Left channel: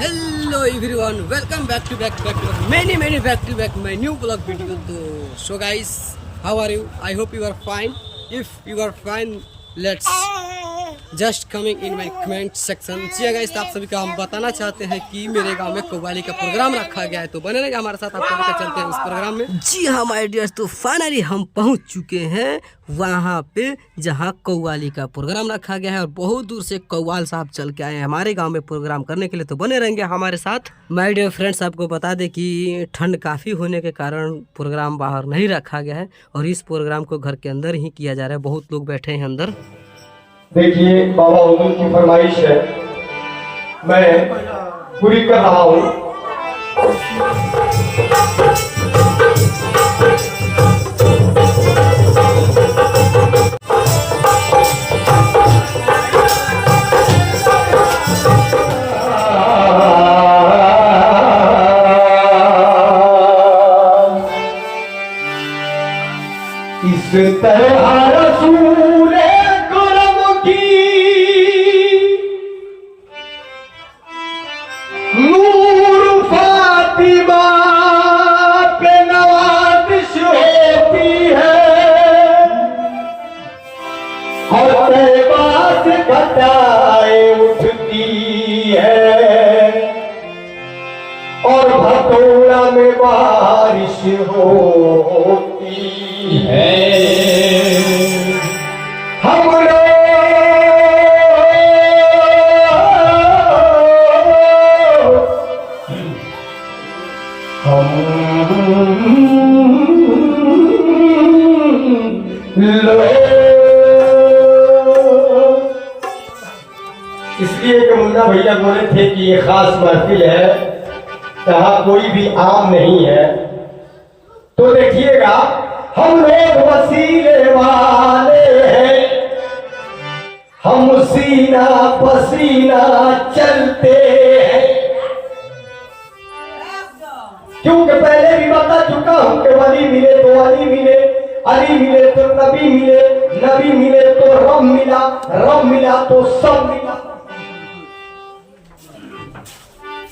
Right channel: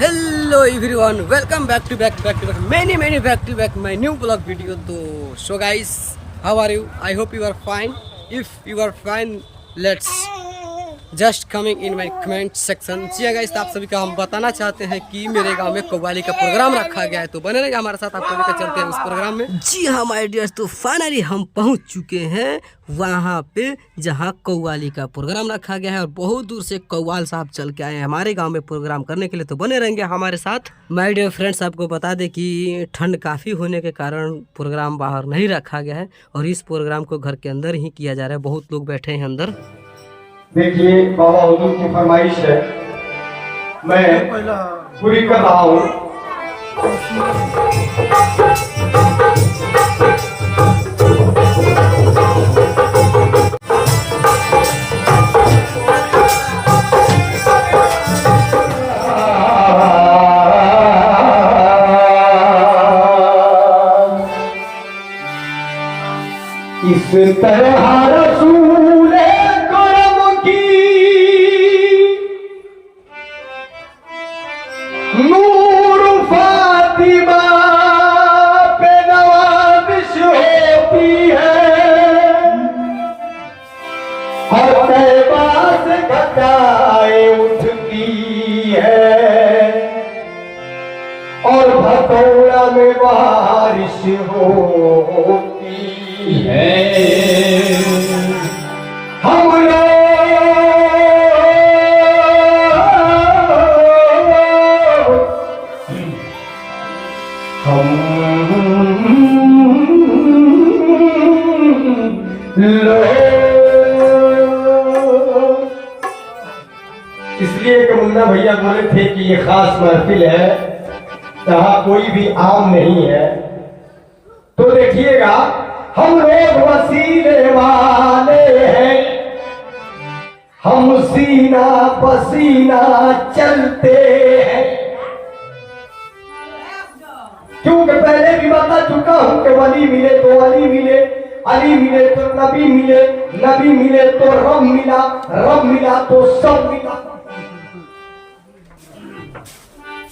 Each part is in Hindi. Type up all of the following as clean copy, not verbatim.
Hello everyone, welcome back to back my new blog video. तो so guys, how are you? I hope you are fine. If you are fine, let's just coming in my comment section. जी गाइस, आप सभी का हम बताना चाहते हैं कि मेरे गांव में कव्वाली का प्रोग्राम रखा गया है, तो बने रहिए हमारे साथ, आपको लेकर चलते हैं उस प्रोग्राम में। जी हाँ माय डियर्स, तो फाइनली हम पहुंच चुके हैं वहाँ पे जहाँ कव्वाली का प्रोग्राम रखा गया है, और बहुत दूर से कव्वाल साहब चल के आए हैं हमारे गांव में प्रोग्राम करने के लिए, तो बने रहेंगे हमारे साथ। माय डियर फ्रेंड्स, आपको बता दें कि ठंड काफ़ी होने के कारण प्रोग्राम बाहर नहीं रखा गया है, और इस प्रोग्राम को घर के अंदर ही किया जा रहा है। बहुत लोग बैठे हैं अंदर। देखिए, बाबा हुजूर की फरमाइश है, मैं पूरी कर रहा हूँ। इस तरह रसूल नूर फातिमा पे नवाज़िश होती है, और तैबा से घटाए उठती है, और भटोला में बारिश होती है। हम इसलिए कि मुन्ना भैया बोले थे कि ये खास महफिल है, यहाँ कोई भी आम नहीं है। तो देखिएगा, हम लोग वसीले वाले हैं, हम सीना पसीना चलते हैं। क्योंकि पहले भी बता चुका हूं कि वली मिले तो अली मिले, अली मिले तो नबी मिले, नबी मिले तो रब मिला, रब मिला तो सब मिला।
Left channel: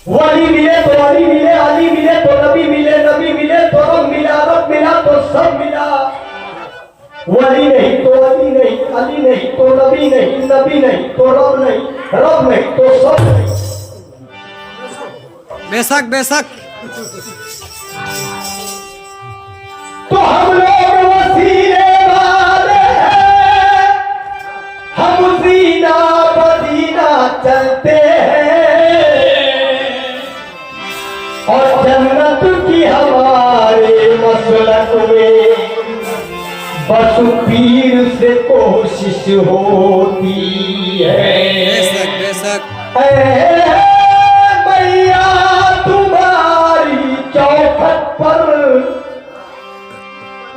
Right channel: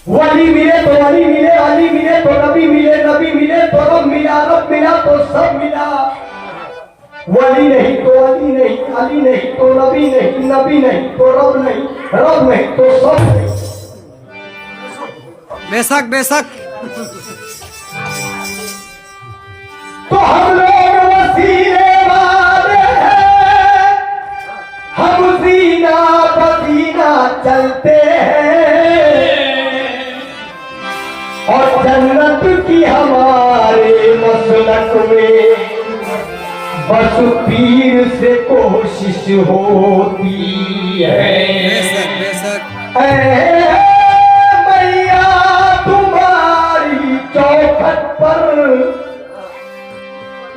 वली मिले तो अली मिले, अली मिले तो नबी मिले, नबी मिले तो रब मिला, रब मिला तो सब मिला। वली नहीं तो अली नहीं, अली नहीं तो नबी नहीं, नबी नहीं तो रब नहीं, रब नहीं तो सब नहीं। बेशक बेशक। तो हम लोग वसीले वाले हैं, हम सीना पसीना चलते हैं, और जन्नत की हमारे मसलक में बस पीर से कोशिश होती है। बेशक बेशक। मैया तुम्हारी चौखट पर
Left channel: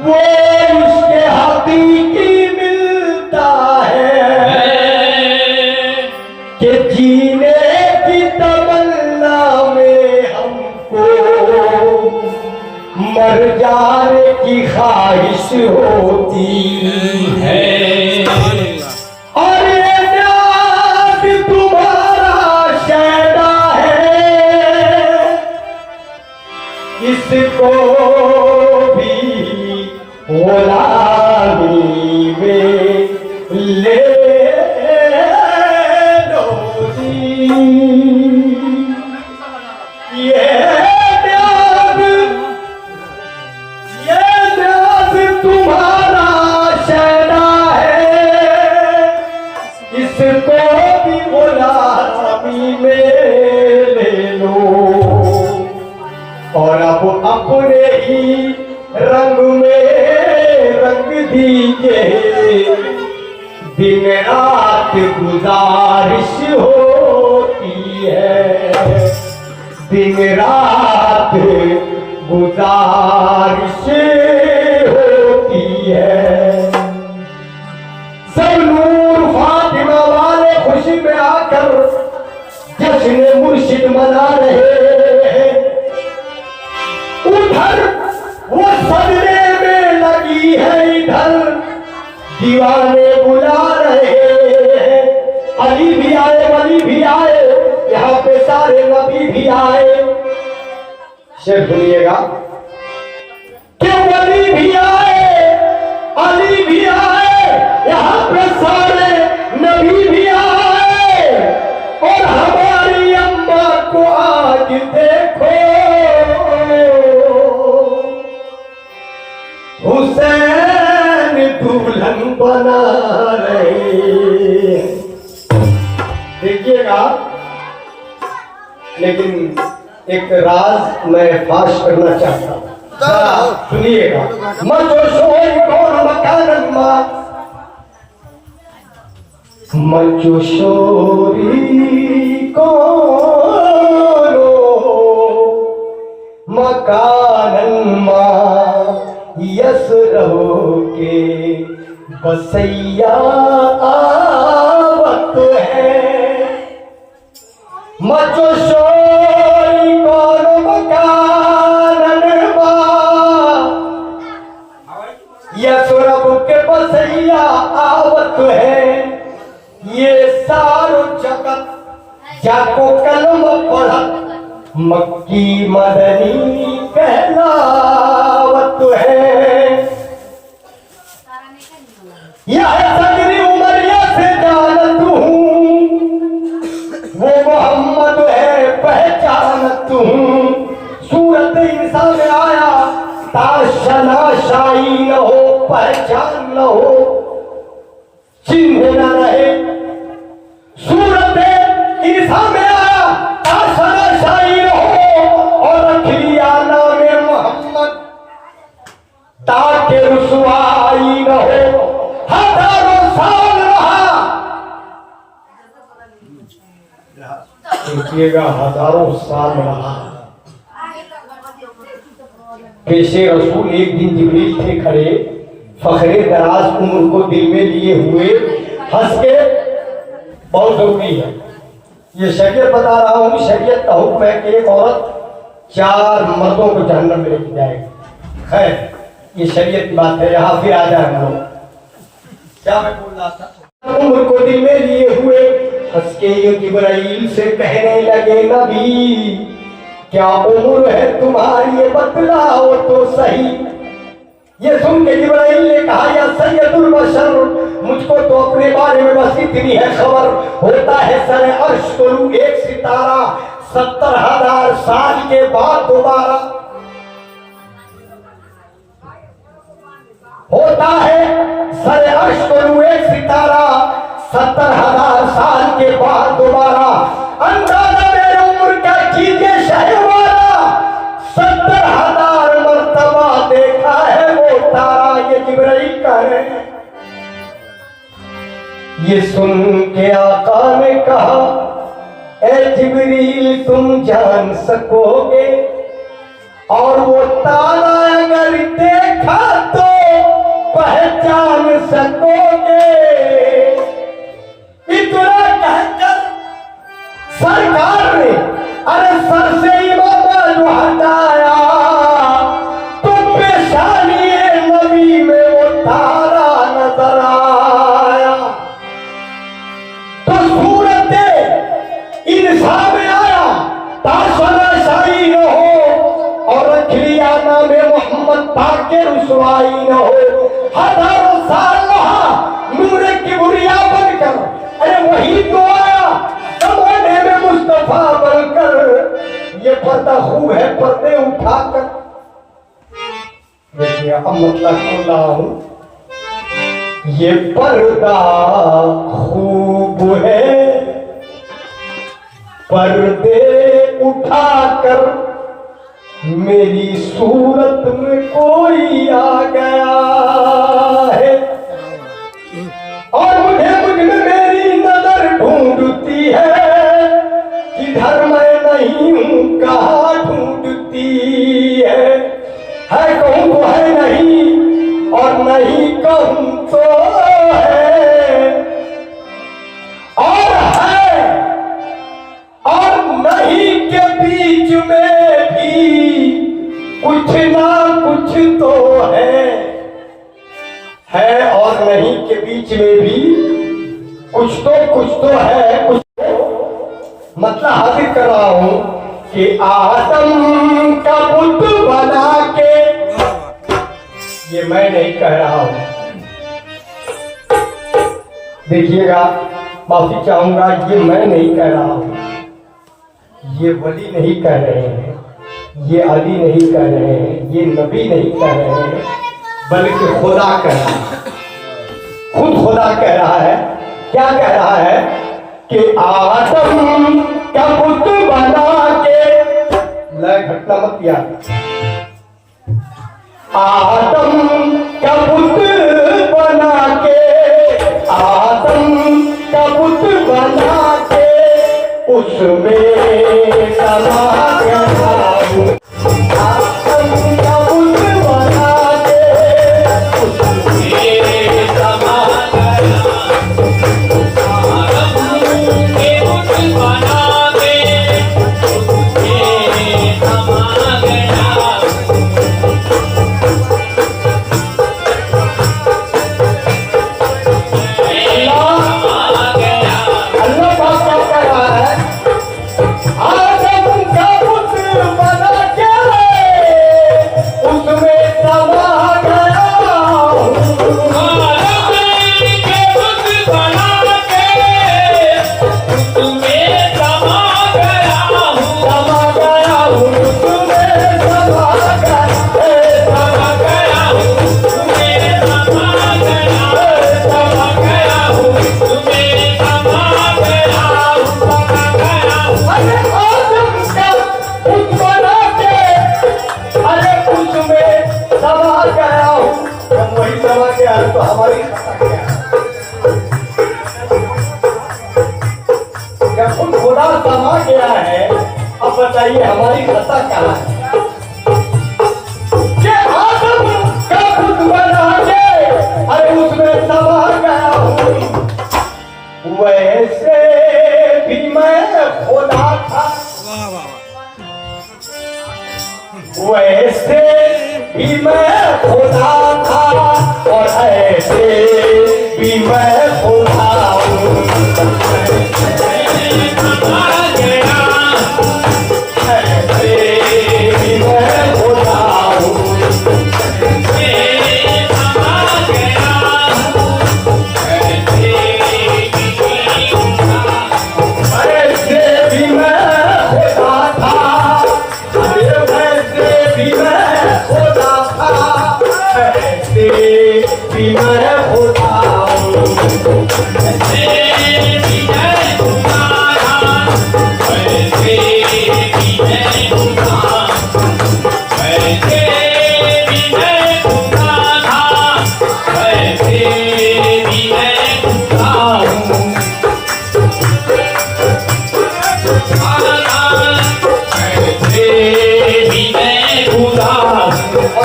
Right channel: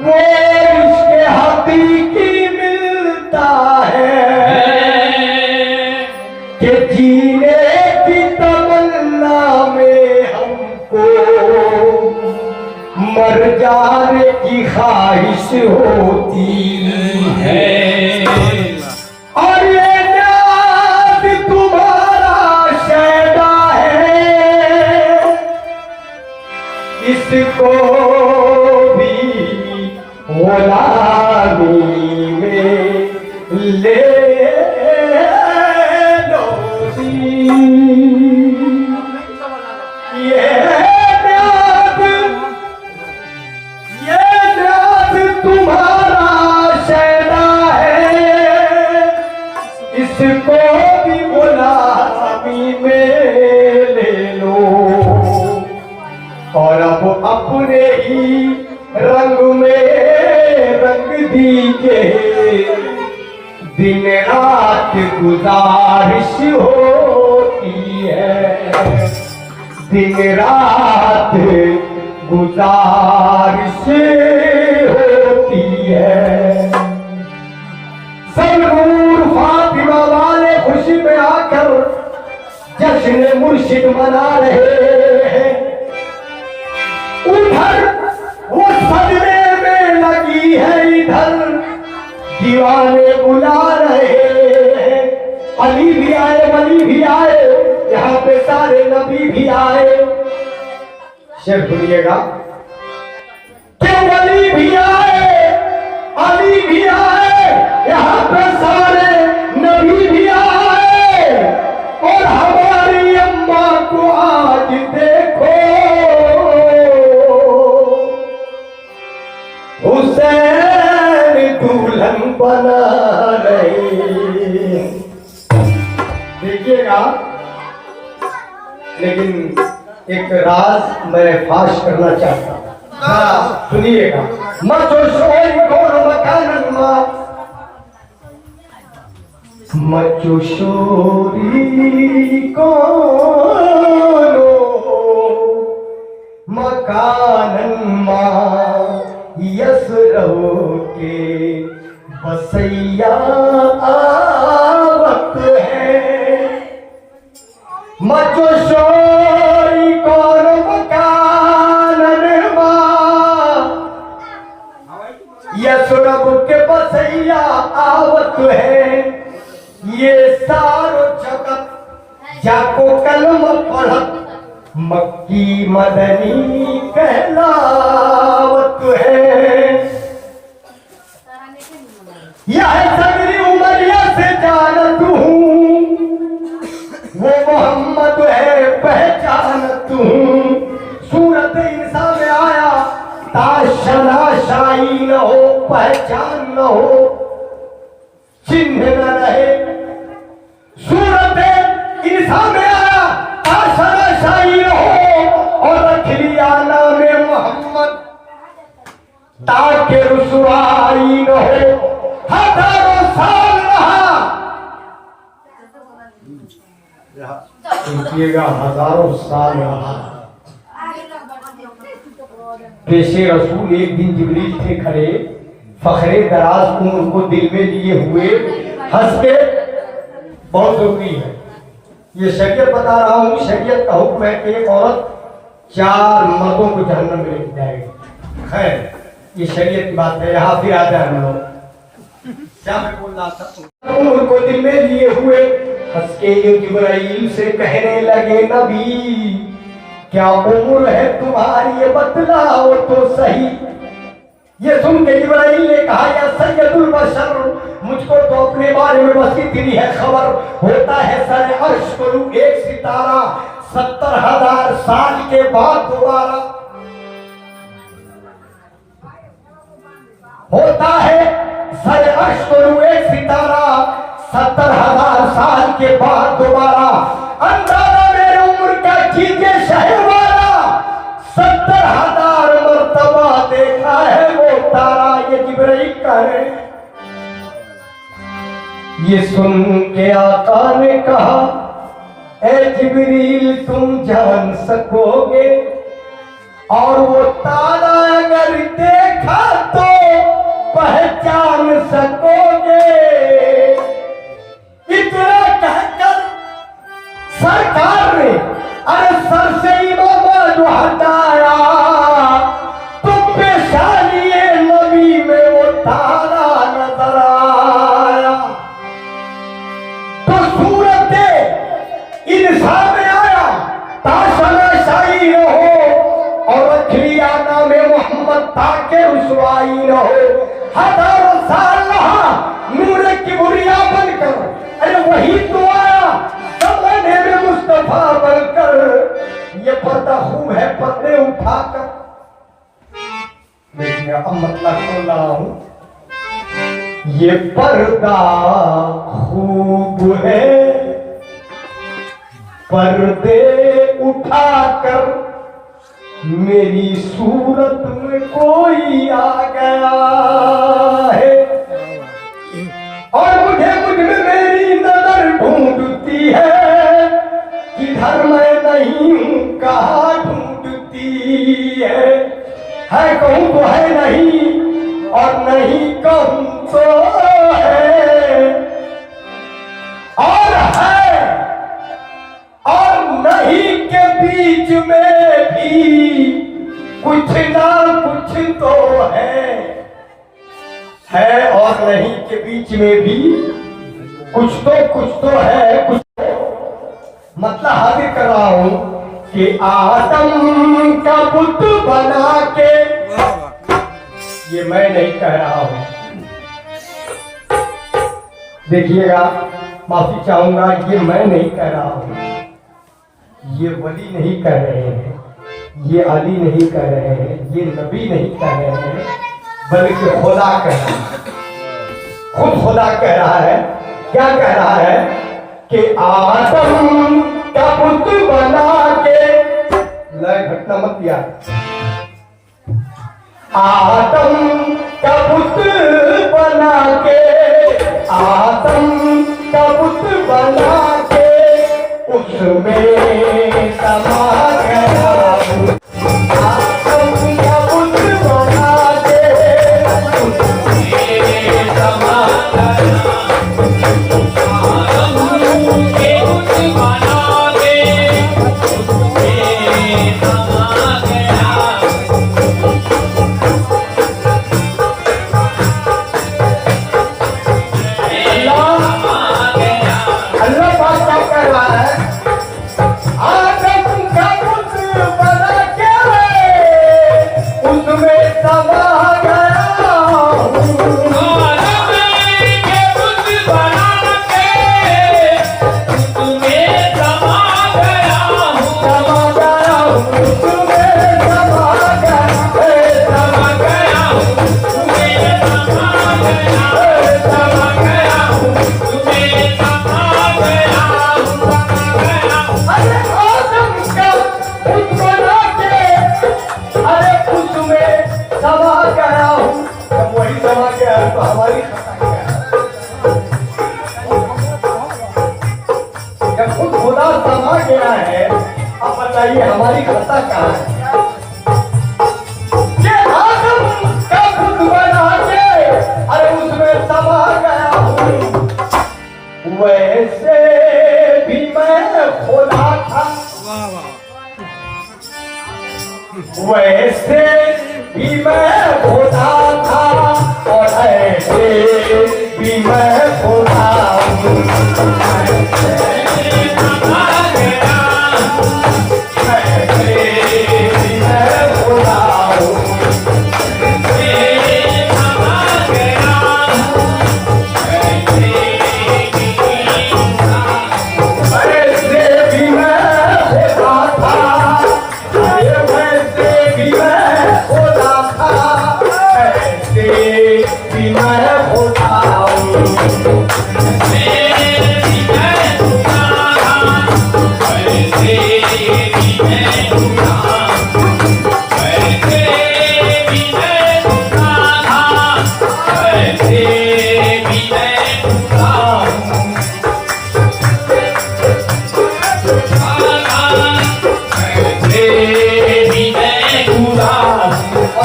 वो इसके हकीकी मिलता है, कि जीने की तमन्ना में हमको मर जाने की ख्वाहिश होती है। और ये नाज तुम्हारा शैदा है, इसको भी गुलामी में ले लो जी। ये नाज तुम्हारा शहरा है, इसको भी गुलामी में ले लो, और अब अपने ही रंग में रंग दीजिए। दिन रात गुजारिश होती है, दिन रात गुजारिश होती है। सब नूर फातिमा वाले खुशी में आकर जश्न मुर्शिद मना रहे हैं। उधर वो सजने में लगी है, इधर दीवाने बुला रहे हैं। अली भी आए, वली भी आए, यहाँ पे सारे नबी शेर सुनिएगा। कि वली भी आए, अली भी आए, यहाँ पे सारे नबी भी आए, और हमारी अम्मा को आज देखो, हुसैन दुल्हन बना रहे। देखिएगा, लेकिन एक राज मैं फाश करना चाहता हूँ, सुनिएगा। मचोशोरी कौन मकानमा, मचोशोरी कौन मकानमा, यस रहो के बसैया आवत है। मचोशोरी कौन मकानमा, यस रहो के बसैया आवत है। ये सारो जगत जाको कलम पढ़त, मक्की मदनी कहलावत है। यह सगरी उमरिया से जानत हूँ, वो मोहम्मद है पहचानत हूँ। सूरत इंसान में आया ताशना शाही न हो, पहचान न हो, चिन्ह न रहे। सूरत इंसान में आया ताशना शाही न हो, और रखिया नाम मोहम्मद ताके रुसवाई न हो। हजारों साल रहा, रुकिएगा, हजारों साल रहा। पेशे रसूल एक दिन जिब्रील थे खड़े, फखरे दराज उम्र को दिल में लिए हुए, हंस के। बहुत जरूरी है ये शरीयत बता रहा हूँ। शरीयत का हुक्म है कि औरत 4 मर्दों को जहन्नम में लेके जाएगी। खैर, ये शरीयत की बात है। यहाँ फिर आ जाए हम लोग, क्या मैं बोल रहा था। उम्र को दिल में लिए हुए, हंस के जिब्राइल से कहने लगे, नबी क्या उम्र है तुम्हारी, ये बतलाओ तो सही। ये सुन के जिब्राइल ने कहा, या सैयदुल बशर, मुझको तो अपने बारे में बस इतनी है खबर, होता है सर अर्श करूं एक सितारा, 70,000 साल के बाद दोबारा। होता है सर अर्श करूं एक सितारा, 70,000 साल के बाद दोबारा। अंदाजा मेरे उम्र का कीजिए शहर वाला, 70,000 मर्तबा देखा है वो तारा। ये जिब्राइल कह रहे हैं। ये सुन के आका ने कहा, ए जिब्रील तुम जान सकोगे, और वो तारा अगर देखा तो पहचान सकोगे। इतना कहकर सरकार ने अरे सर से इमामा जो हटाया, तो पेशानी नबी में वो तारा नजर आया। तो सूरत इंसान में आया ताशना शाही न हो, और रखलिया नाम मोहम्मद ताके रुसवाई न हो। हजारों साल रहा नूर की बुरिया बनकर, अरे वही तो आया जमाने में मुस्तफा बनकर। ये पर्दा खूब है पर्दे उठाकर। देखिए अब मतलब बोल रहा हूं, ये पर्दा खूब है पर्दे उठाकर, मेरी सूरत में कोई आ गया है, और मुझे मुझ में मेरी नजर ढूंढती है, किधर मैं नहीं हूं कहाँ ढूंढती है। कहूं तो है नहीं, और नहीं कहूं तो है, और है और नहीं के बीच में भी कुछ ना कुछ तो है और नहीं के बीच में भी कुछ तो है। कुछ तो मतलब हाजिर कर रहा हूं, कि आदम का बुत बना के, वाह वाह। ये मैं नहीं कह रहा हूं, देखिएगा, माफी चाहूंगा, ये मैं नहीं कह रहा हूं, ये वली नहीं कह रहे हैं, ये अली नहीं कह रहे हैं, ये नबी नहीं कह रहे हैं, बल्कि खुदा कह रहा है। खुद खुदा कह रहा है। क्या कह रहा है कि आदम का पुत बना के, लय घटना मत याद, आदम का पुत बना के, आदम का पुत बना के उसमें समा गया हूँ। आदम का पुत बना के उसमें समा गया तो हमारी खता क्या है? जब खुद खुदा समा गया है, अब बताइए हमारी खता कहाँ है? कि आदम का खुद बना के अरे उसमें समा गया हूँ। वैसे भी मैं खुदा था, वाह वाह। वैसे भी मैं खुदा था और ऐसे भी मैं खुदा हूँ। ऐसे भी मैं खुदा हूँ। ऐसे भी मैं खुदा था, वैसे भी मैं खुदा था, ऐसे भी मैं खुदा हूँ।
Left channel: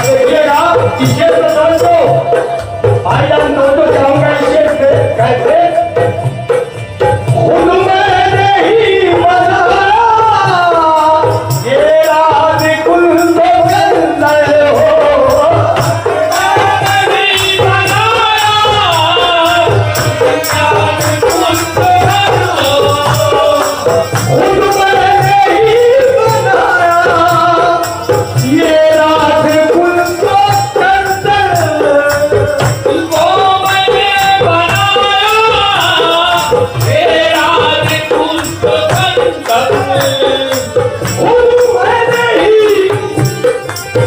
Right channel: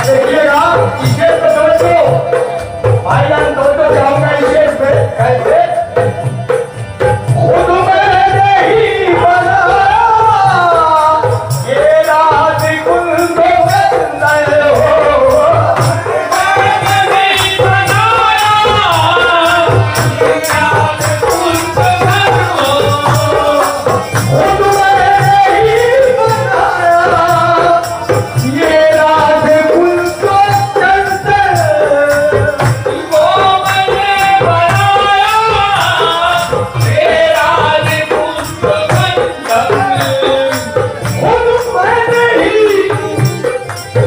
देखिएगा, इसे तो समझो भाई, हम दोनों जाऊंगा इसे कैसे खुद मैंने ही बनाया, ये राज कुल तो बंदर हो। मैंने ही बनाया, राज कुल तो बंदर हो। खुद मैंने ही बनाया, ये राज कुल को कंदर, वो मैंने बनाया, तेरा राज कुल को कंदर, खुद मैंने ही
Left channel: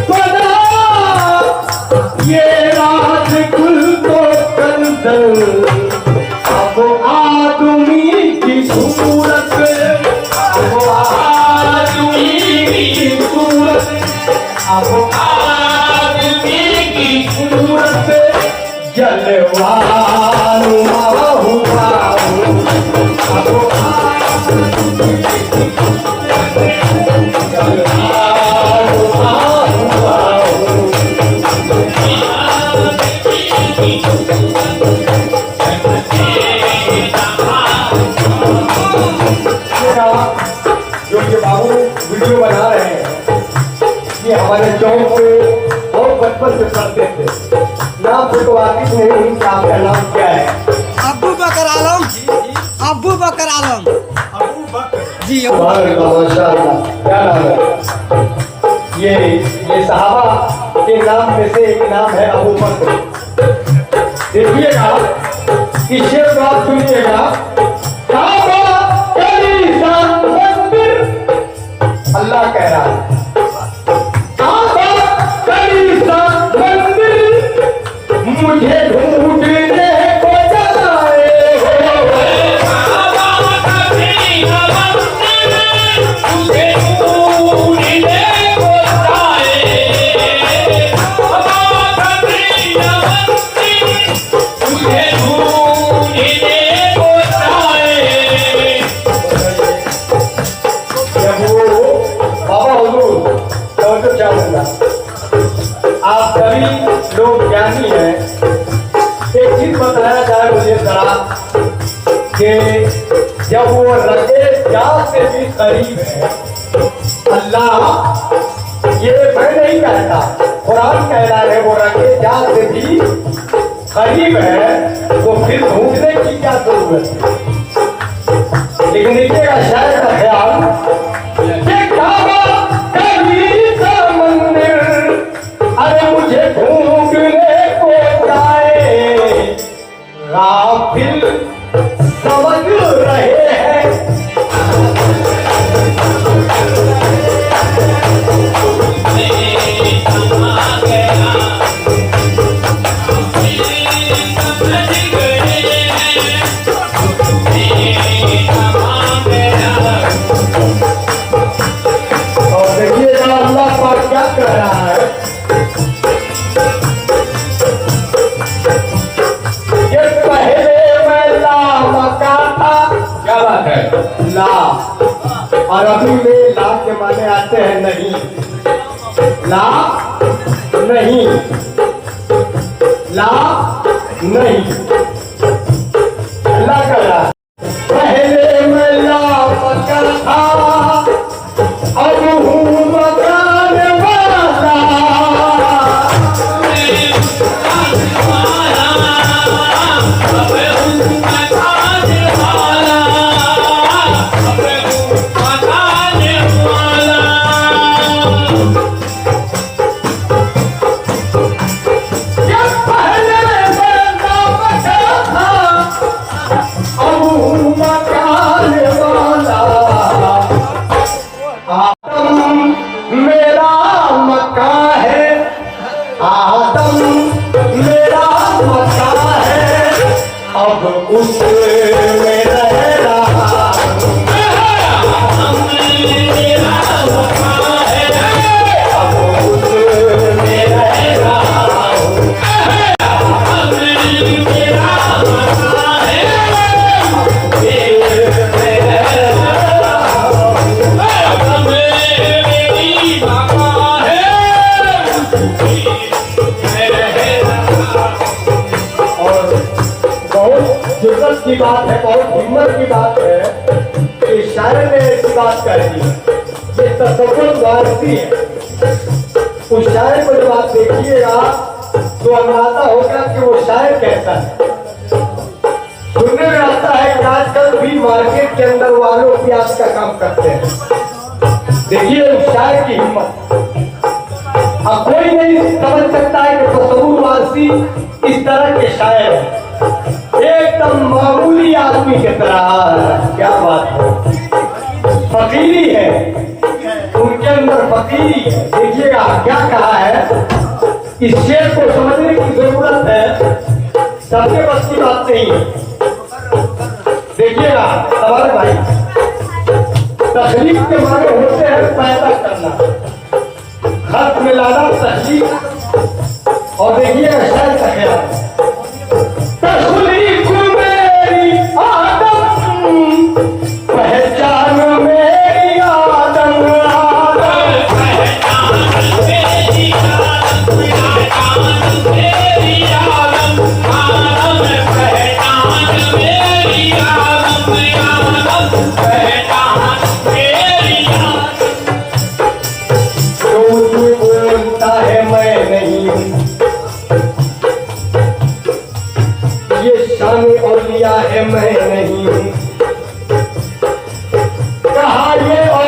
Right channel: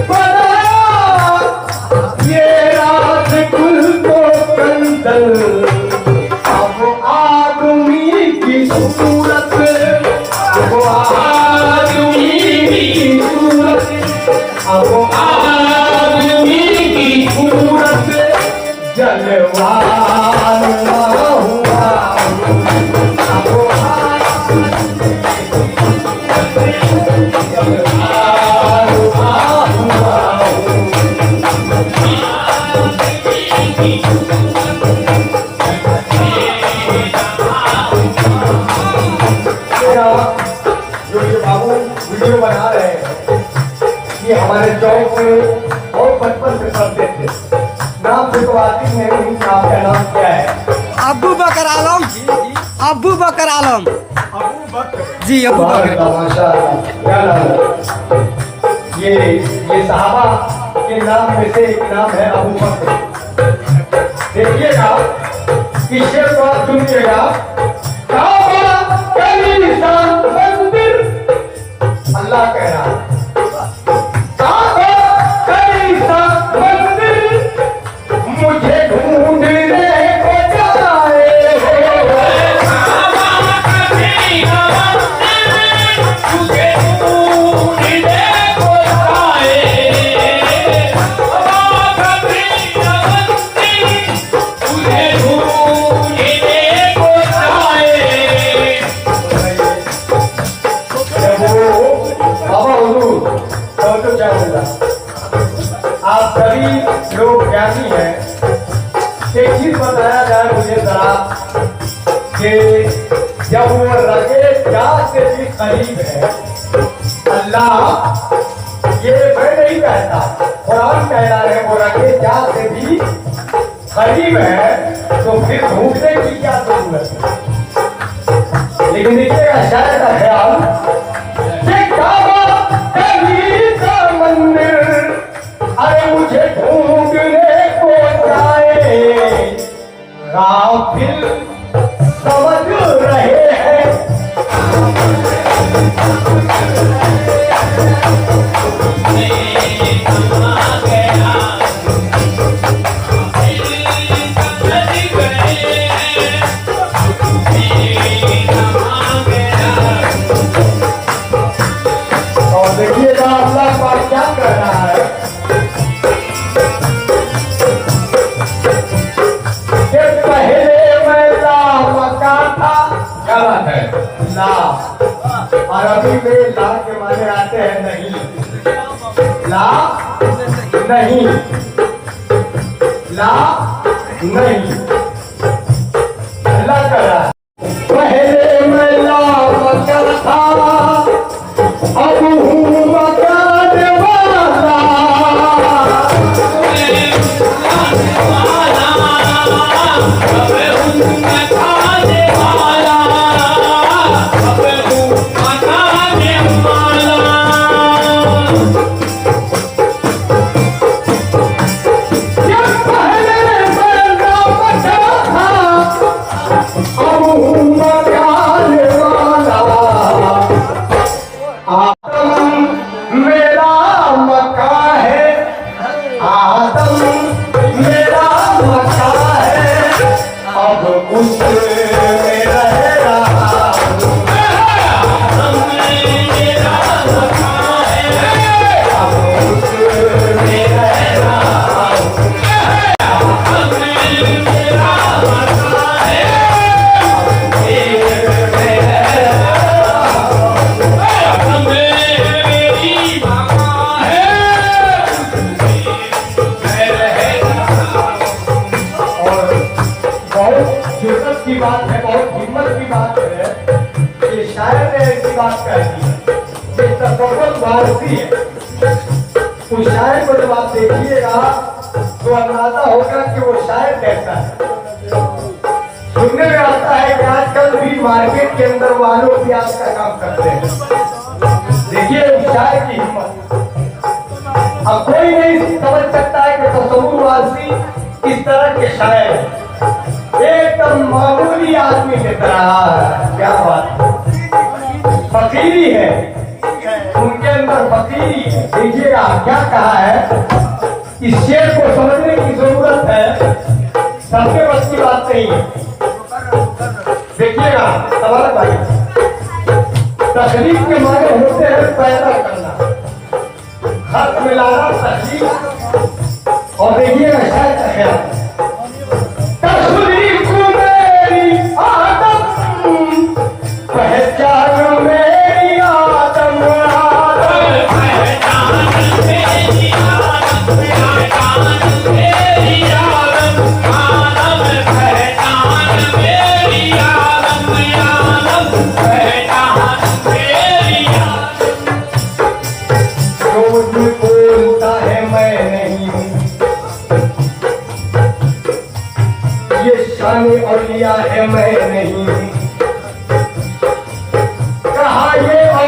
बनाया, ये राज कुल को कंदर। अब आदमी की सूरत, अब आदमी की सूरत, अब आदमी की सूरत जलवान हुआ हूँ। अब आदमी की जलवान हुआ हूँ। जो ये बाबू वीडियो बना रहे हैं, ये हमारे चौक में और बचपन से पढ़ते थे। नाम से तो वाकिफ नहीं हूँ कि आपका नाम क्या है? अबू बकर आलम। अबू बकर आलम। अबू जी अबू बकर। ये सहाबा के नाम में से एक नाम है अबू बकर। देखिएगा इस शेर को आप सुनिएगा। अल्लाह कह रहा है मुझे ढूंढने को जाए, आप सभी लोग ज्ञानी हैं। एक चीज बताया जाए मुझे जरा कि जब वो रगे क्या से भी करीब है, अल्लाह ये मैं नहीं कहता, कुरान कह रहा है वो रगे क्या से भी करीब है, तो फिर ढूंढने की क्या जरूरत है। लेकिन नीचे शायद का ख्याल मुझे ढूंढने को जाए, गाफिल समझ रहे हैं। और देखिएगा अल्लाह पाक क्या कह रहा है। अरबी में ला के माने आते हैं नहीं, ला नहीं, ला नहीं। अल्लाह का ला पहले मैं ला मचा था, अब हूँ मचाने वाला। की बात है, बहुत हिम्मत की बात है कि शायर ने ऐसी बात कह दी है, ये तसव्वुर वारसी है। उस शायर को जब आप देखिएगा तो अंदाजा होगा कि वो शायर कैसा है। सुनने में आता है कि आजकल भी मार्केट के अंदर वालों की आज का काम करते हैं। देखिए उस शायर की हिम्मत। अब कोई नहीं समझ सकता है कि तसव्वुर वारसी इस तरह के शायर है, एकदम मामूली आदमी की तरह। क्या बात है, फकीरी है, उनके अंदर फकीरी है। देखिएगा क्या कहा है, इस शेर को समझने की जरूरत है, सबके बस की बात नहीं है। देखिएगा हमारे भाई, तकलीफ के माने होते हैं पैदा करना, खत मिलाना, तकलीफ। और देखिएगा शायद का ख्याल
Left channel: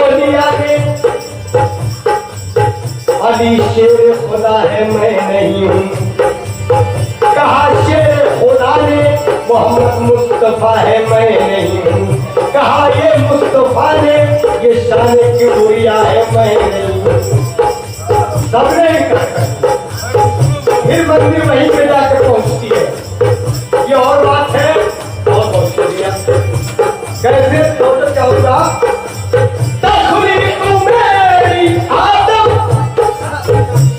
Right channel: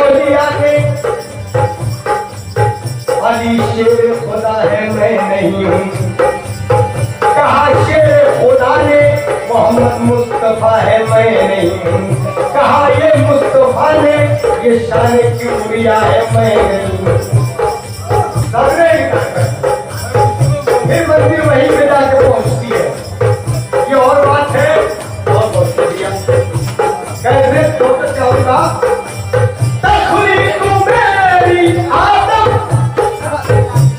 औलिया ने अली शेर खुदा है मैं नहीं हूँ, कहा शेर खुदा ने मोहम्मद मुस्तफा है मैं नहीं हूँ, कहा ये मुस्तफा ने ये शान किबरिया है मैं नहीं हूँ। सबने फिर मंदिर वहीं पे जाकर पहुंचती है। ये और बात है और बहुत शुक्रिया। कैसे तो क्या होगा? तखलीक मेरी आदम,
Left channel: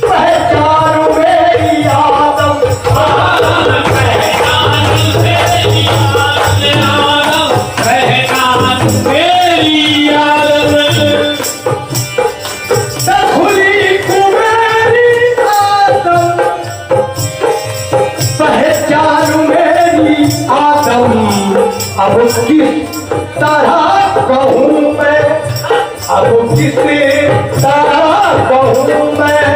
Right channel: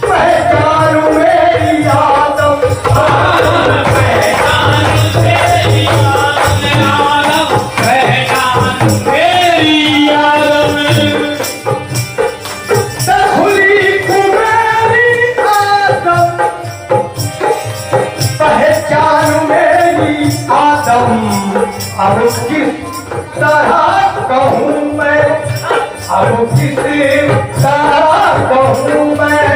पहचान मेरी आदम, अब किस तरह कहूँ मैं, अब किस तरह कहूँ मैं,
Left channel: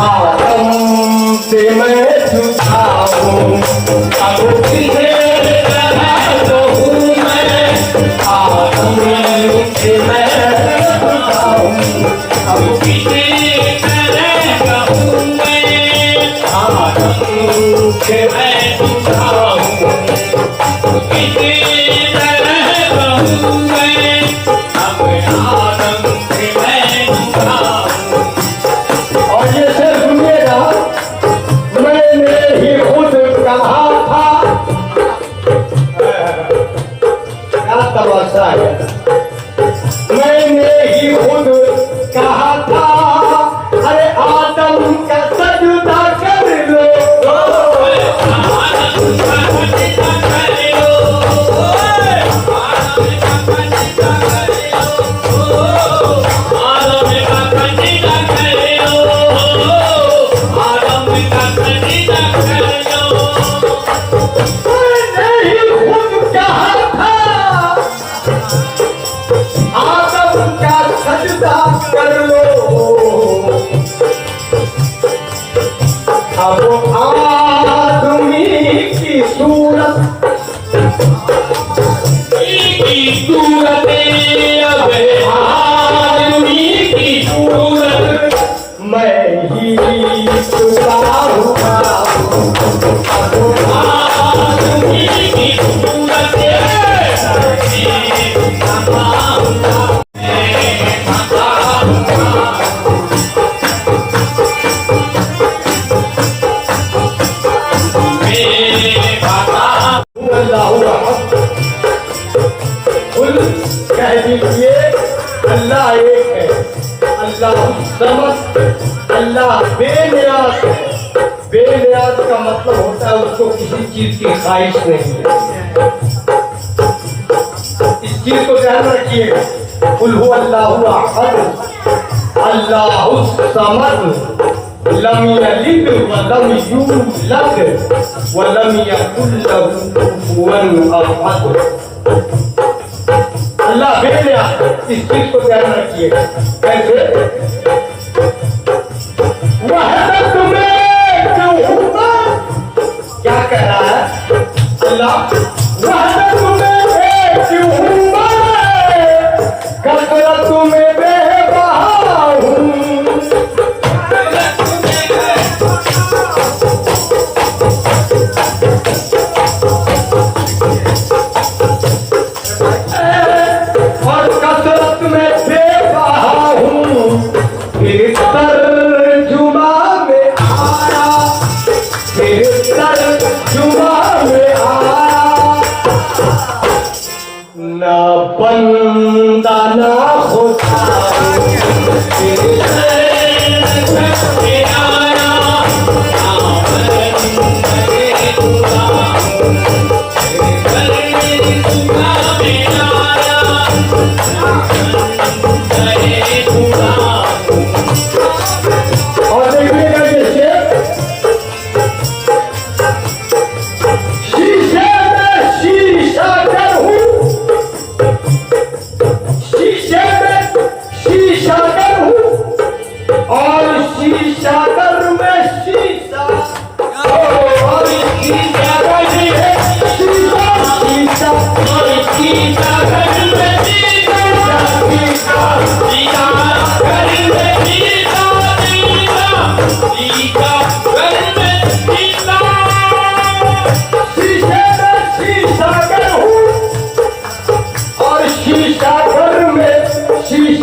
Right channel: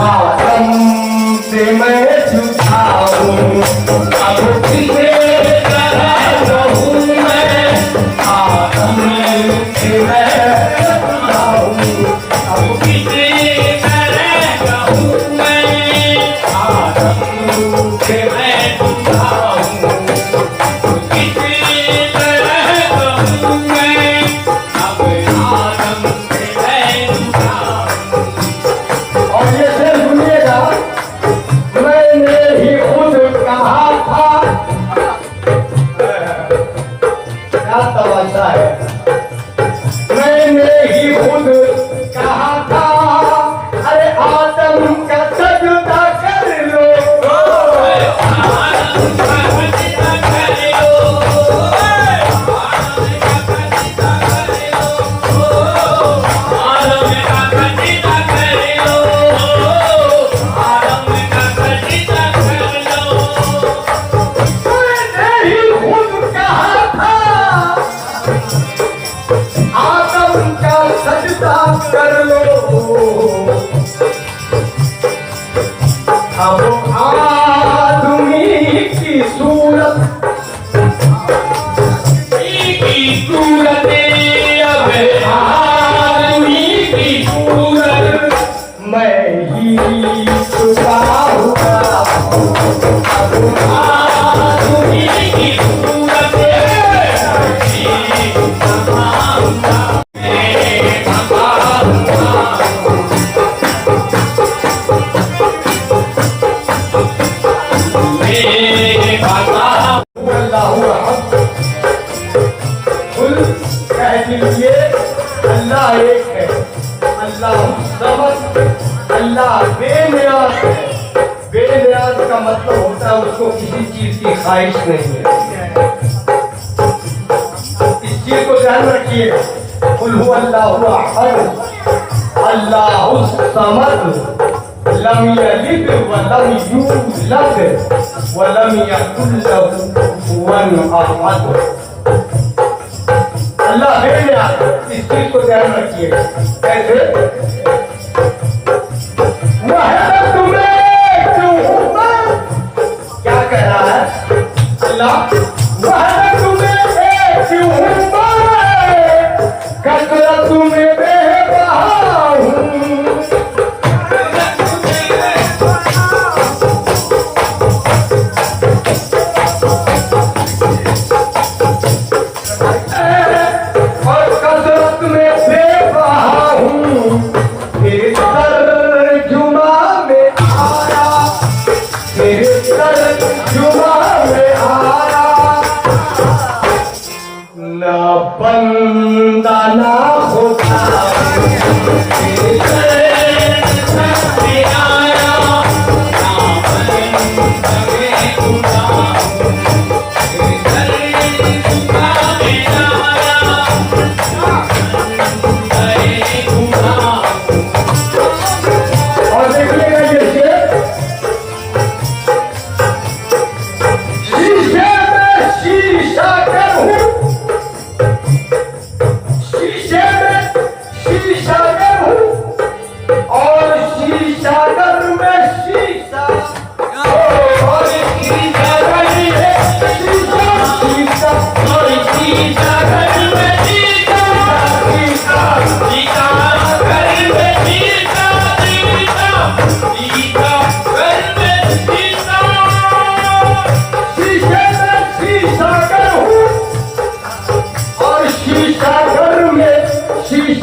आदम से मैं छुपाऊँ, अब किस तरह कहूँ मैं, आदम से मैं छुपाऊँ, अब किस तरह कहूँ मैं, आदम से मैं छुपाऊँ। मैंने ही खुद कहा था, अरे आदम का सजदा कर लो, सजदा कर लो। अब आदमी की सूरत आदमी की सूरत मैं ही सुधारूं, आदमी की सूरत कह दीजिए अल्लाह एक है, अल्लाह समस्त, अल्लाह बेनियाज है। बेनियाज का मतलब होता है उसको किसी चीज की ख्वाहिश नहीं है। इस चीज को ध्यान रखिएगा। कुल हु अल्लाहु अहद, अल्लाहु समद, लम यलिद व लम यूलद व लम यकुल लहू कुफुवन अहद। अल्लाह बेनियाज, इस चीज को ध्यान रखिएगा। कैसे? वहदत में क्यों, क्या कह रहा है अल्लाह? वहदत में क्यों, कसरत में बेबहा हूँ, ना बंदा ना होता शीशा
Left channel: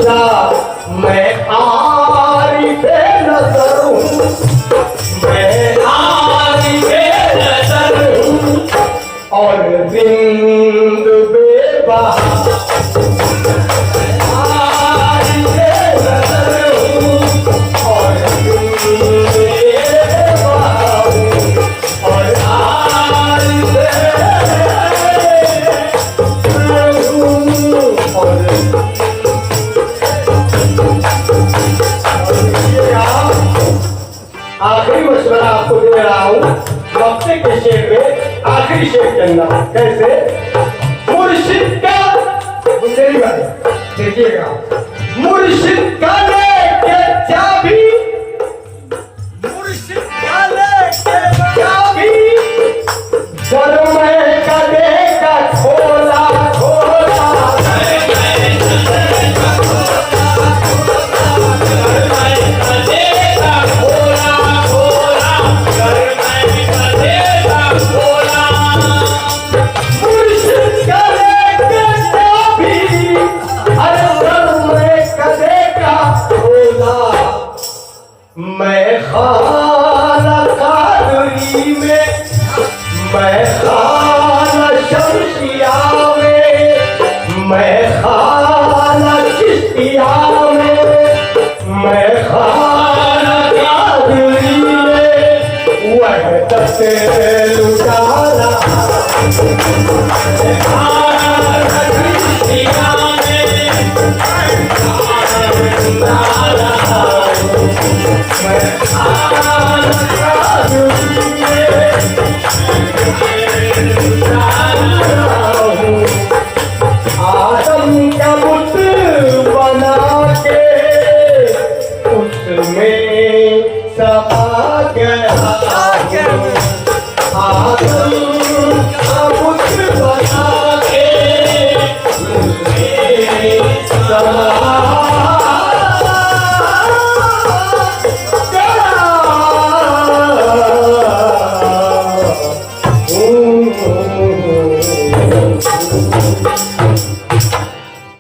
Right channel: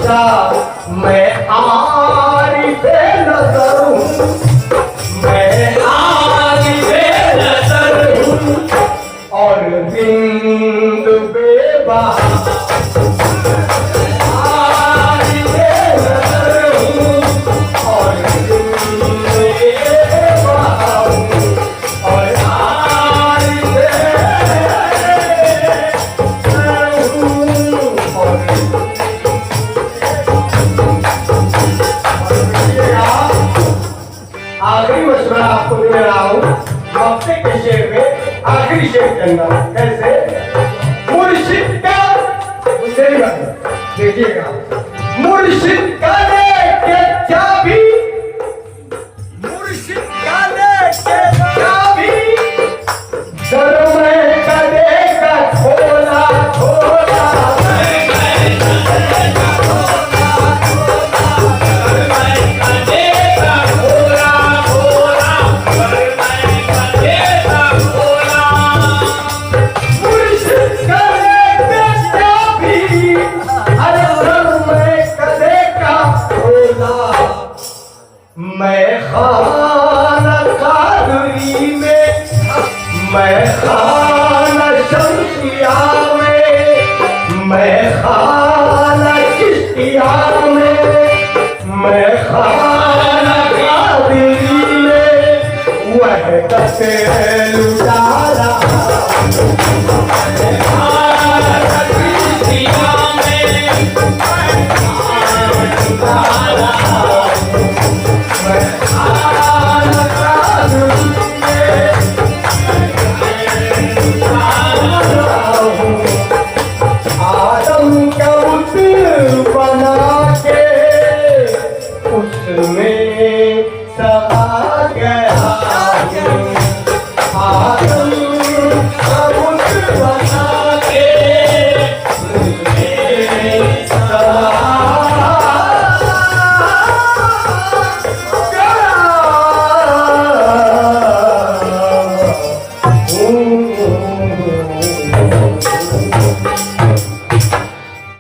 खुदा मैं आरिफ़े नज़र हूँ, मैं आरिफ़े नज़र हूँ और बिंद बेबहा आरिफ़े नज़र हूँ और बिंद बेबहा और आरिफ़े आखिरी मशवरा आपको दे रहा हूँ। हफ्ते के शेर में आखिरी शेर के अंदर कैसे मुर्शिद का मेरी बात देखिएगा, मुर्शिद का लेके चाबी, मुर्शिद का लेके चाबी घर में करेगा खोला खोला मैं खाना कादरी में, मैं खाना शमशिया में, मैं खाना चिश्तिया में, मैं खाना कादरी में वह तसे लुटा रहा चिश्तिया में